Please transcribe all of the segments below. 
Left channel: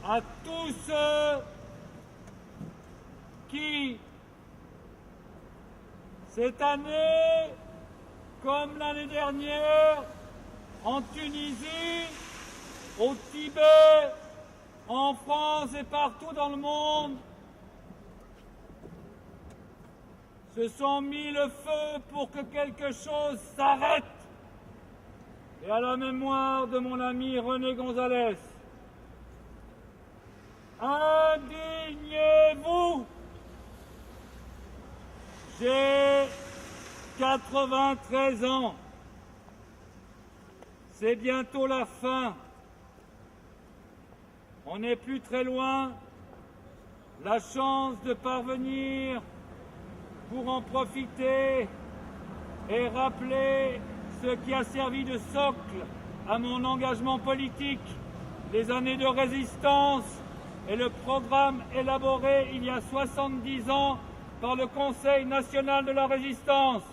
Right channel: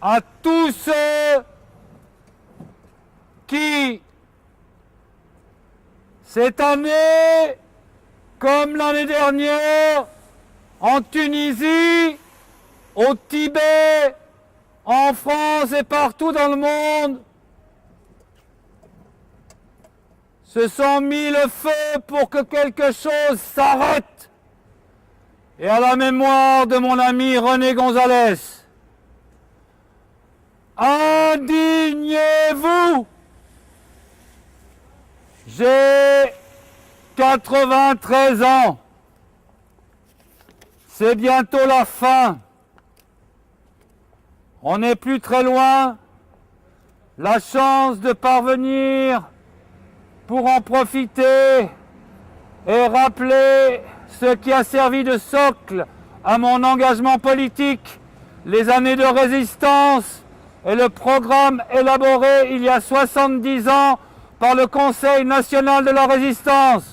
à tous ceux qui, cette année, comme l'année dernière, en Tunisie, au Tibet, en France et partout dans le monde, se sont mis le feu pour que quelque chose s'arrête. Et à la mémoire de mon ami René Gonzalez, indignez-vous! J'ai 93 ans. C'est bientôt la fin. On n'est plus très loin. La chance de parvenir pour en profiter et rappeler ce qui a servi de socle à mon engagement politique, les années de résistance et le programme élaboré il y a 70 ans par le Conseil national de la résistance.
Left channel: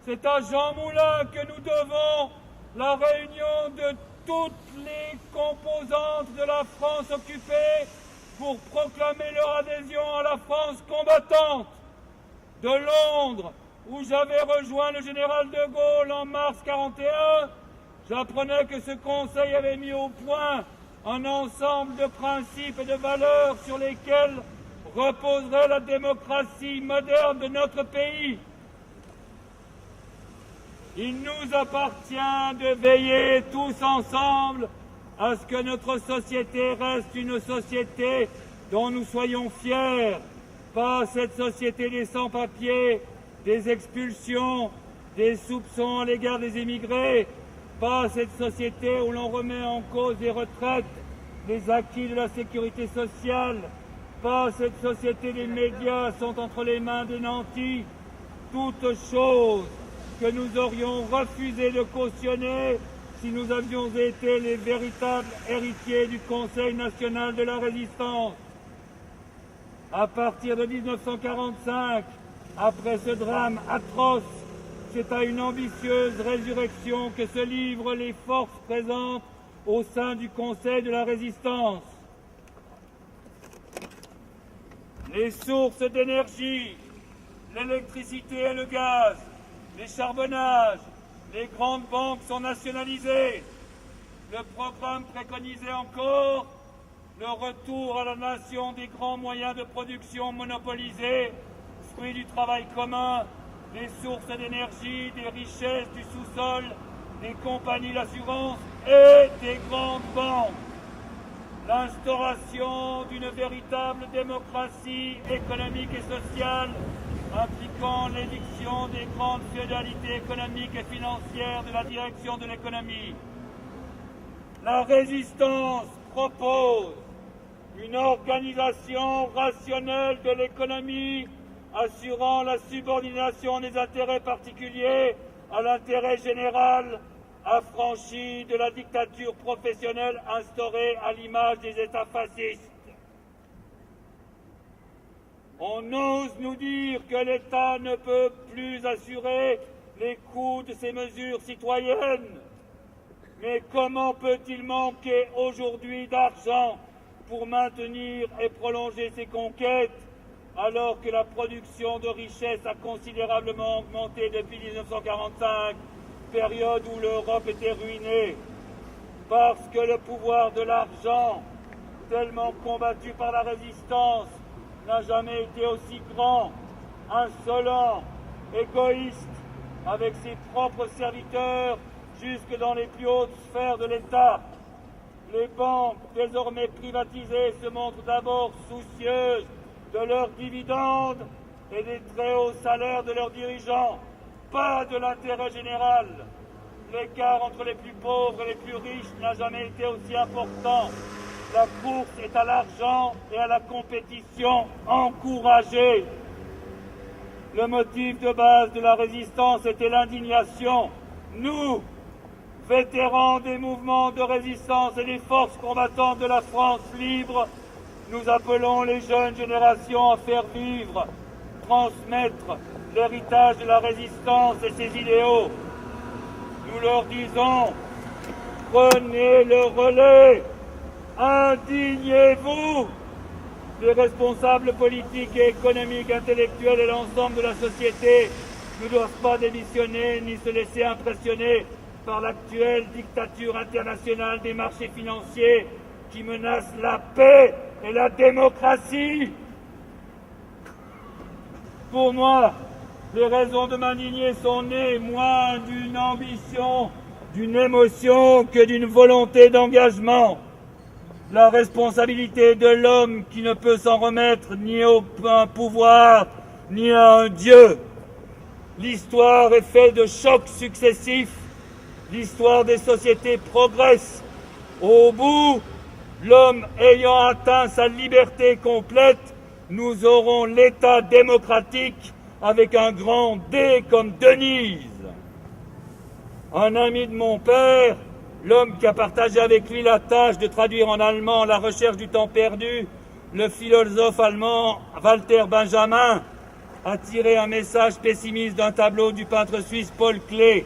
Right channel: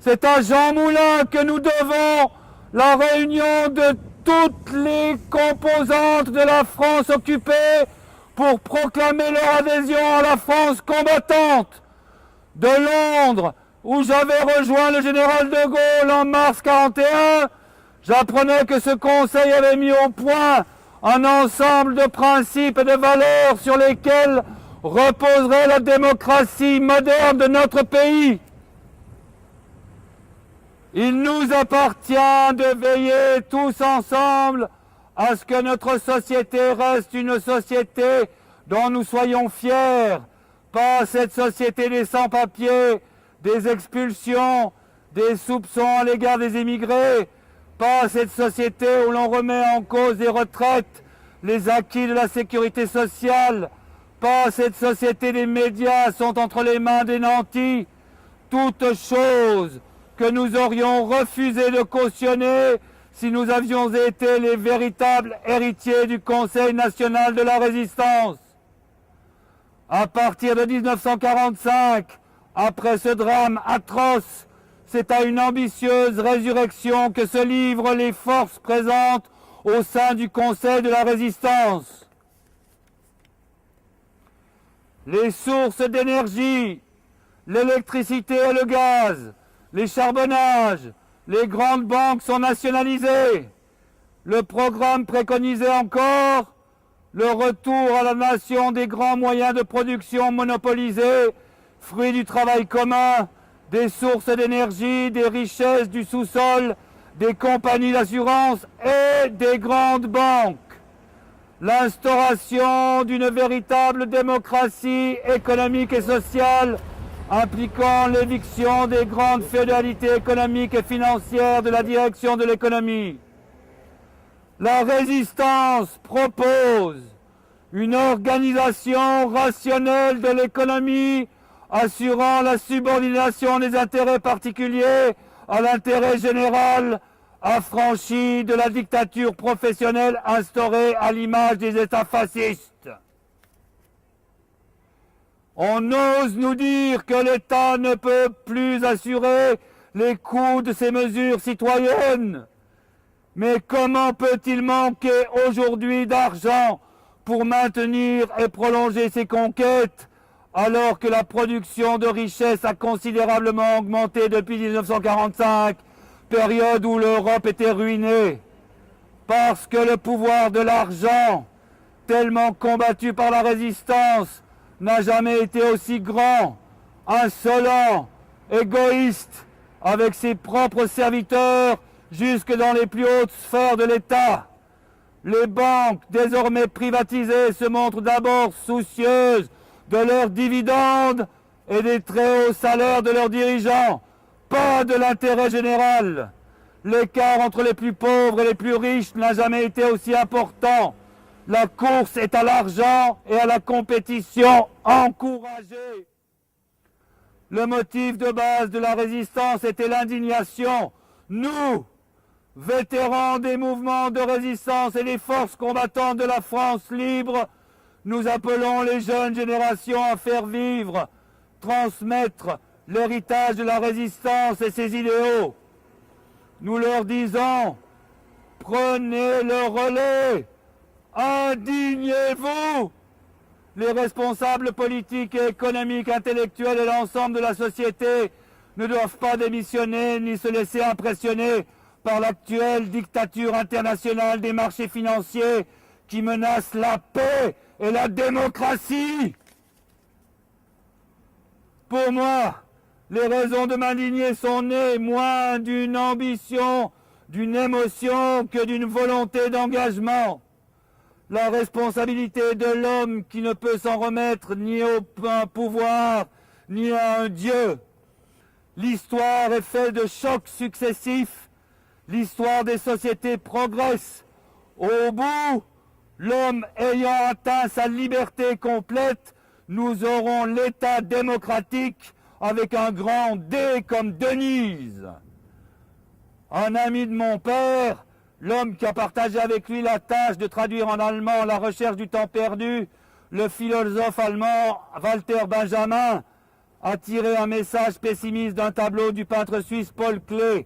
C'est à Jean Moulin que nous devons la réunion de toutes les composantes de la France occupée pour proclamer leur adhésion à la France combattante. De Londres, où j'avais rejoint le général de Gaulle en mars 1941, j'apprenais que ce Conseil avait mis au point un ensemble de principes et de valeurs sur lesquels reposerait la démocratie moderne de notre pays. Il nous appartient de veiller tous ensemble à ce que notre société reste une société dont nous soyons fiers, pas cette société des sans-papiers, des expulsions, des soupçons à l'égard des immigrés, pas cette société où l'on remet en cause des retraites, les acquis de la sécurité sociale, pas cette société des médias sont entre les mains des nantis, toutes choses que nous aurions refusé de cautionner si nous avions été les véritables héritiers du Conseil national de la résistance. À partir de 1945, après ce drame atroce, c'est à une ambitieuse résurrection que se livrent les forces présentes au sein du Conseil de la résistance. Les sources d'énergie, l'électricité et le gaz, les charbonnages, les grandes banques sont nationalisées. Le programme préconisait encore le retour à la nation des grands moyens de production monopolisés, fruit du travail commun, des sources d'énergie, des richesses du sous-sol, des compagnies d'assurance et des grandes banques. L'instauration d'une véritable démocratie économique et sociale impliquant l'éviction des grandes féodalités économiques et financières de la direction de l'économie. La résistance propose une organisation rationnelle de l'économie assurant la subordination des intérêts particuliers à l'intérêt général, affranchie de la dictature professionnelle instaurée à l'image des États fascistes. On ose nous dire que l'État ne peut plus assurer les coûts de ces mesures citoyennes. Mais comment peut-il manquer aujourd'hui d'argent pour maintenir et prolonger ces conquêtes alors que la production de richesses a considérablement augmenté depuis 1945, période où l'Europe était ruinée? Parce que le pouvoir de l'argent, tellement combattu par la résistance, n'a jamais été aussi grand, insolent, égoïste, avec ses propres serviteurs, jusque dans les plus hautes sphères de l'État. Les banques, désormais privatisées, se montrent d'abord soucieuses de leurs dividendes et des très hauts salaires de leurs dirigeants, pas de l'intérêt général. L'écart entre les plus pauvres et les plus riches n'a jamais été aussi important. La course est à l'argent et à la compétition encouragée. Le motif de base de la résistance était l'indignation. Nous, vétérans des mouvements de résistance et des forces combattantes de la France libre, nous appelons les jeunes générations à faire vivre, transmettre l'héritage de la résistance et ses idéaux. Nous leur disons, prenez le relais, Indignez-vous! Les responsables politiques et économiques, intellectuels et l'ensemble de la société ne doivent pas démissionner ni se laisser impressionner par l'actuelle dictature internationale des marchés financiers qui menace la paix et la démocratie. Pour moi, les raisons de m'indigner sont nées moins d'une ambition, d'une émotion que d'une volonté d'engagement. La responsabilité de l'homme qui ne peut s'en remettre ni au pouvoir, ni à un Dieu. L'histoire est faite de chocs successifs. L'histoire des sociétés progresse. Au bout, l'homme ayant atteint sa liberté complète, nous aurons l'État démocratique avec un grand D comme Denise. Un ami de mon père, l'homme qui a partagé avec lui la tâche de traduire en allemand La recherche du temps perdu, le philosophe allemand Walter Benjamin, a tiré un message pessimiste d'un tableau du peintre suisse Paul Klee.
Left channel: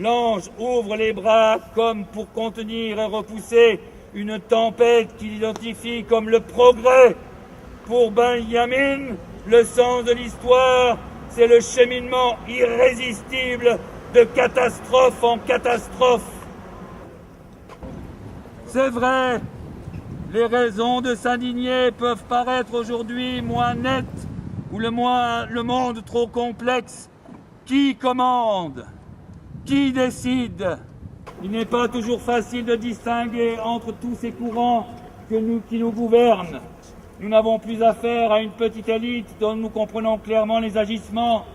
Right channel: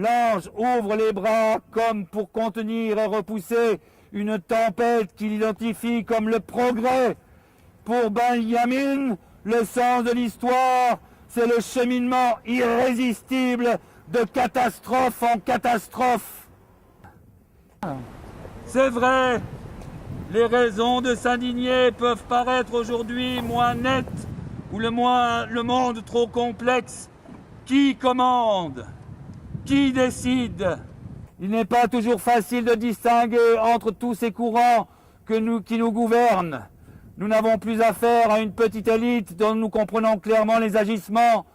L'ange ouvre les bras comme pour contenir et repousser une tempête qu'il identifie comme le progrès. Pour Benjamin, le sens de l'histoire, c'est le cheminement irrésistible de catastrophe en catastrophe. C'est vrai, les raisons de s'indigner peuvent paraître aujourd'hui moins nettes ou le monde trop complexe. Qui commande? Qui décide? Il n'est pas toujours facile de distinguer entre tous ces courants qui nous gouvernent. Nous n'avons plus affaire à une petite élite dont nous comprenons clairement les agissements.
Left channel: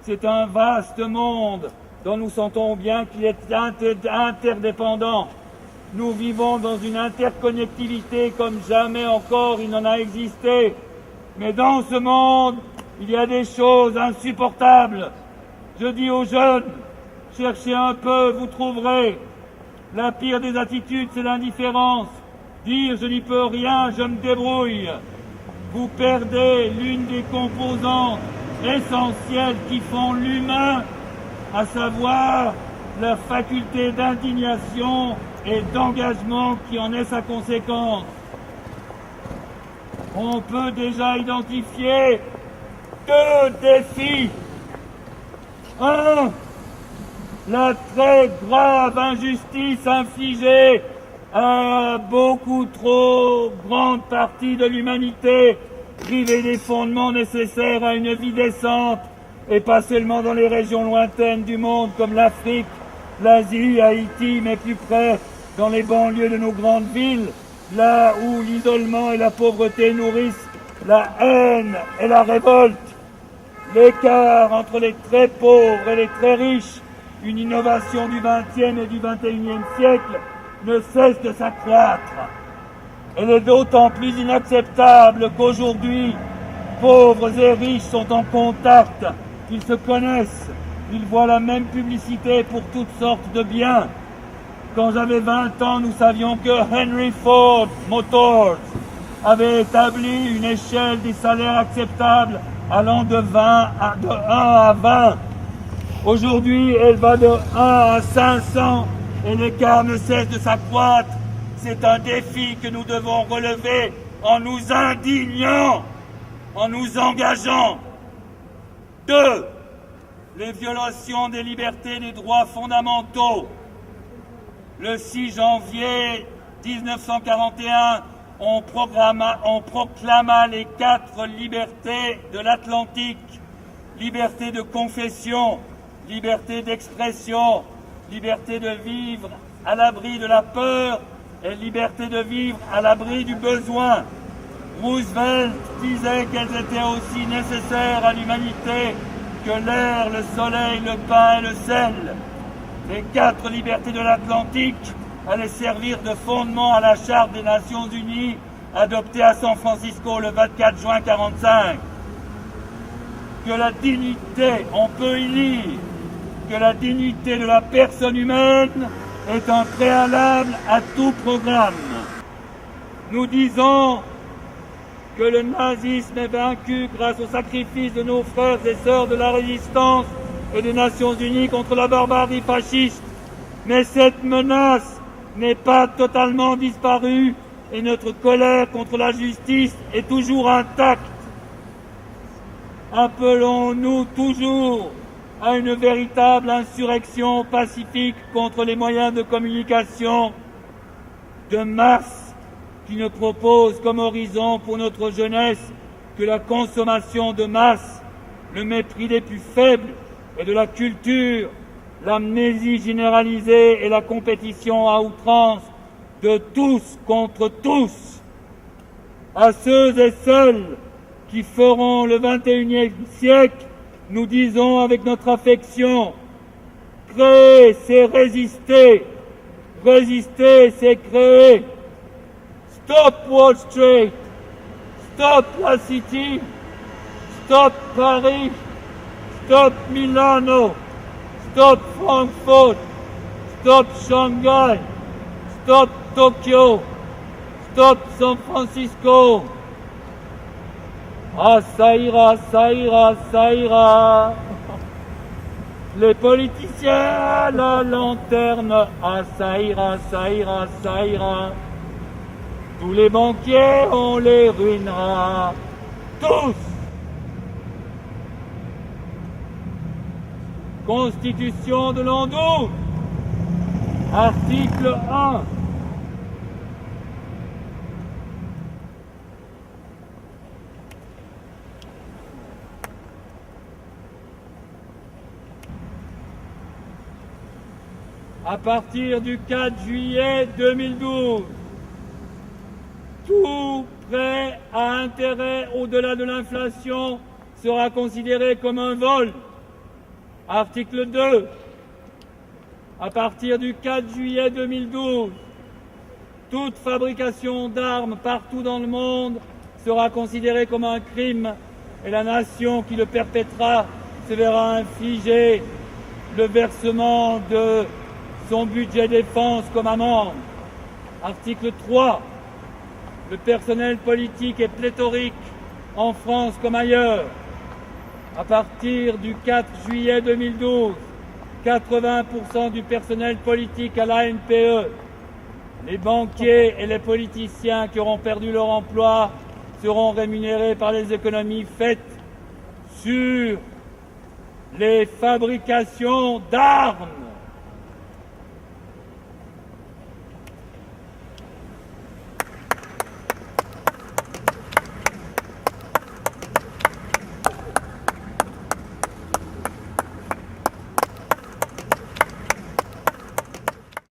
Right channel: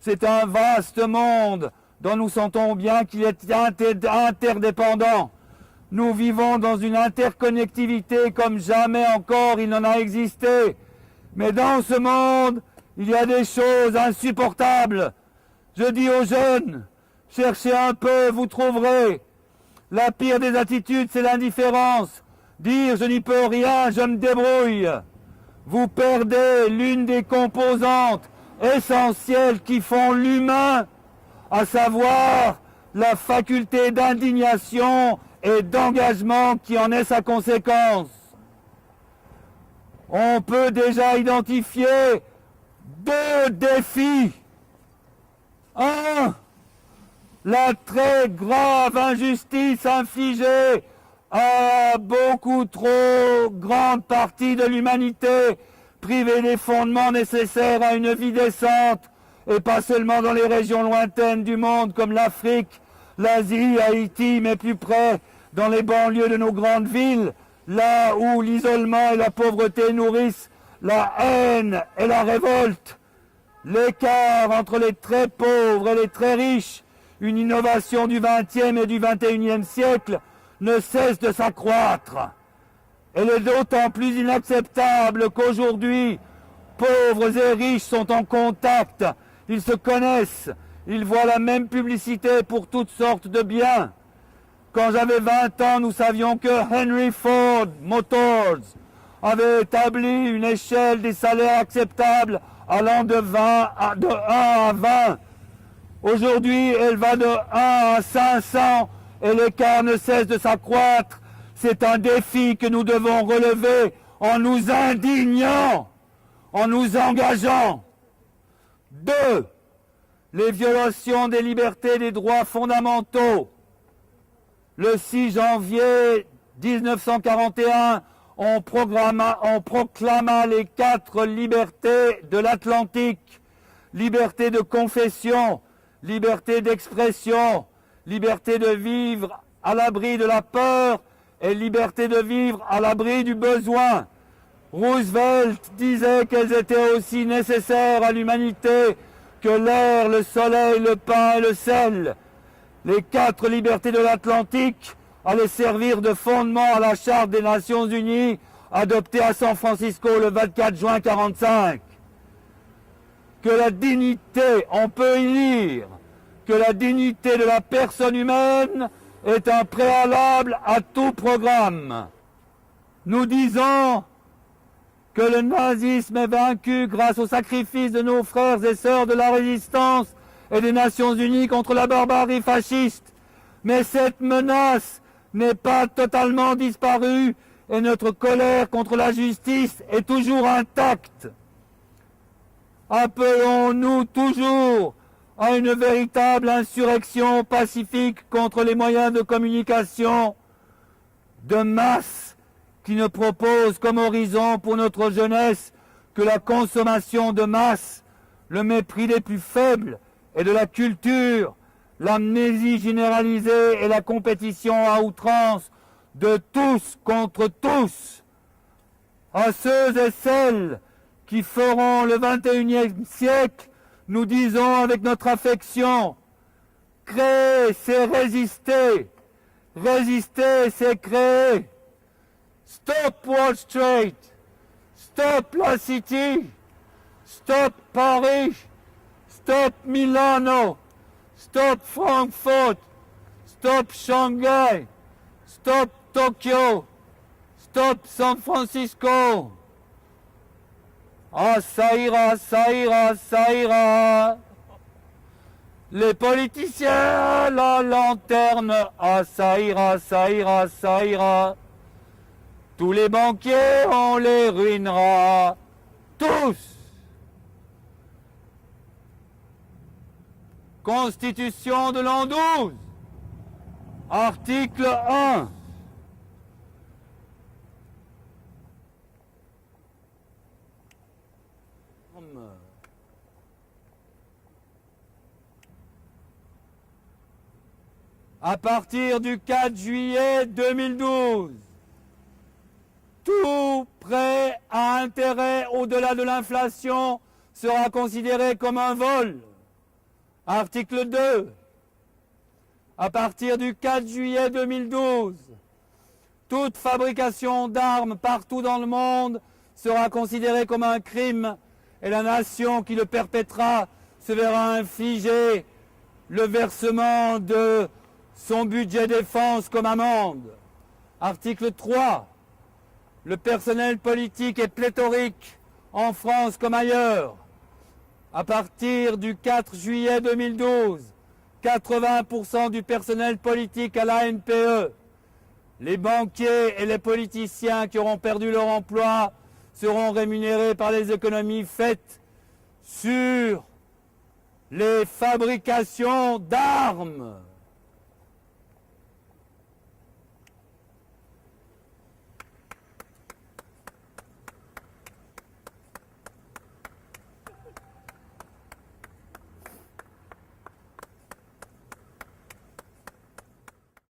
C'est un vaste monde dont nous sentons bien qu'il est interdépendant. Nous vivons dans une interconnectivité comme jamais encore il n'en a existé. Mais dans ce monde, il y a des choses insupportables. Je dis aux jeunes, cherchez un peu, vous trouverez. La pire des attitudes, c'est l'indifférence. Dire je n'y peux rien, je me débrouille. Vous perdez l'une des composantes essentielles qui font l'humain, à savoir la faculté d'indignation et d'engagement qui en est sa conséquence. On peut déjà identifier deux défis. Un, la très grave injustice infligée à beaucoup trop grande partie de l'humanité, privée des fondements nécessaires à une vie décente, et pas seulement dans les régions lointaines du monde comme l'Afrique, l'Asie, Haïti, mais plus près dans les banlieues de nos grandes villes, là où l'isolement et la pauvreté nourrissent la haine et la révolte. L'écart entre les très pauvres et les très riches, une innovation du XXe et du XXIe siècle, ne cesse de s'accroître. Elle est d'autant plus inacceptable qu'aujourd'hui, pauvres et riches sont en contact, ils se connaissent, ils voient la même publicité pour toutes sortes de biens. Quand j'avais 20 ans, nous savions que Henry Ford Motors avait établi une échelle des salaires acceptables allant de 1 à 20. Aujourd'hui, elle va de 1 à 500 et l'écart ne cesse de s'accroître. C'est un défi que nous devons relever en nous indignant, en nous engageant. 2. Les violations des libertés et des droits fondamentaux. Le 6 janvier 1941, on proclama les 4 libertés de l'Atlantique. Liberté de confession, liberté d'expression, liberté de vivre à l'abri de la peur et liberté de vivre à l'abri du besoin. Roosevelt disait qu'elles étaient aussi nécessaires à l'humanité que l'air, le soleil, le pain et le sel. Les 4 libertés de l'Atlantique allaient servir de fondement à la Charte des Nations Unies adoptée à San Francisco le 24 juin 1945. Que la dignité, on peut y lire, que la dignité de la personne humaine est un préalable à tout programme. Nous disons que le nazisme est vaincu grâce au sacrifice de nos frères et sœurs de la résistance et des Nations Unies contre la barbarie fasciste. Mais cette menace n'est pas totalement disparue et notre colère contre la justice est toujours intacte. Appelons-nous toujours à une véritable insurrection pacifique contre les moyens de communication de masse qui ne proposent comme horizon pour notre jeunesse que la consommation de masse, le mépris des plus faibles et de la culture, l'amnésie généralisée et la compétition à outrance de tous contre tous. À ceux et celles qui feront le 21e siècle, nous disons avec notre affection, créer, c'est résister. Résister, c'est créer. Stop Wall Street. Stop la City. Stop Paris. Stop Milano. Stop Frankfurt. Stop Shanghai. Stop Tokyo. Stop San Francisco. Ah, ça ira, ça ira, ça ira. Les politiciens, la lanterne. Ah, ça ira, ça ira, ça ira. Tous les banquiers, on les ruinera. Tous. Constitution de l'an 12. Article 1. À partir du 4 juillet 2012, tout prêt à intérêt au-delà de l'inflation sera considéré comme un vol. Article 2. À partir du 4 juillet 2012, toute fabrication d'armes partout dans le monde sera considérée comme un crime et la nation qui le perpétrera se verra infliger le versement de son budget défense comme amende. Article 3. Le personnel politique est pléthorique en France comme ailleurs. À partir du 4 juillet 2012, 80% du personnel politique à la NPE, les banquiers et les politiciens qui auront perdu leur emploi seront rémunérés par les économies faites sur les fabrications d'armes.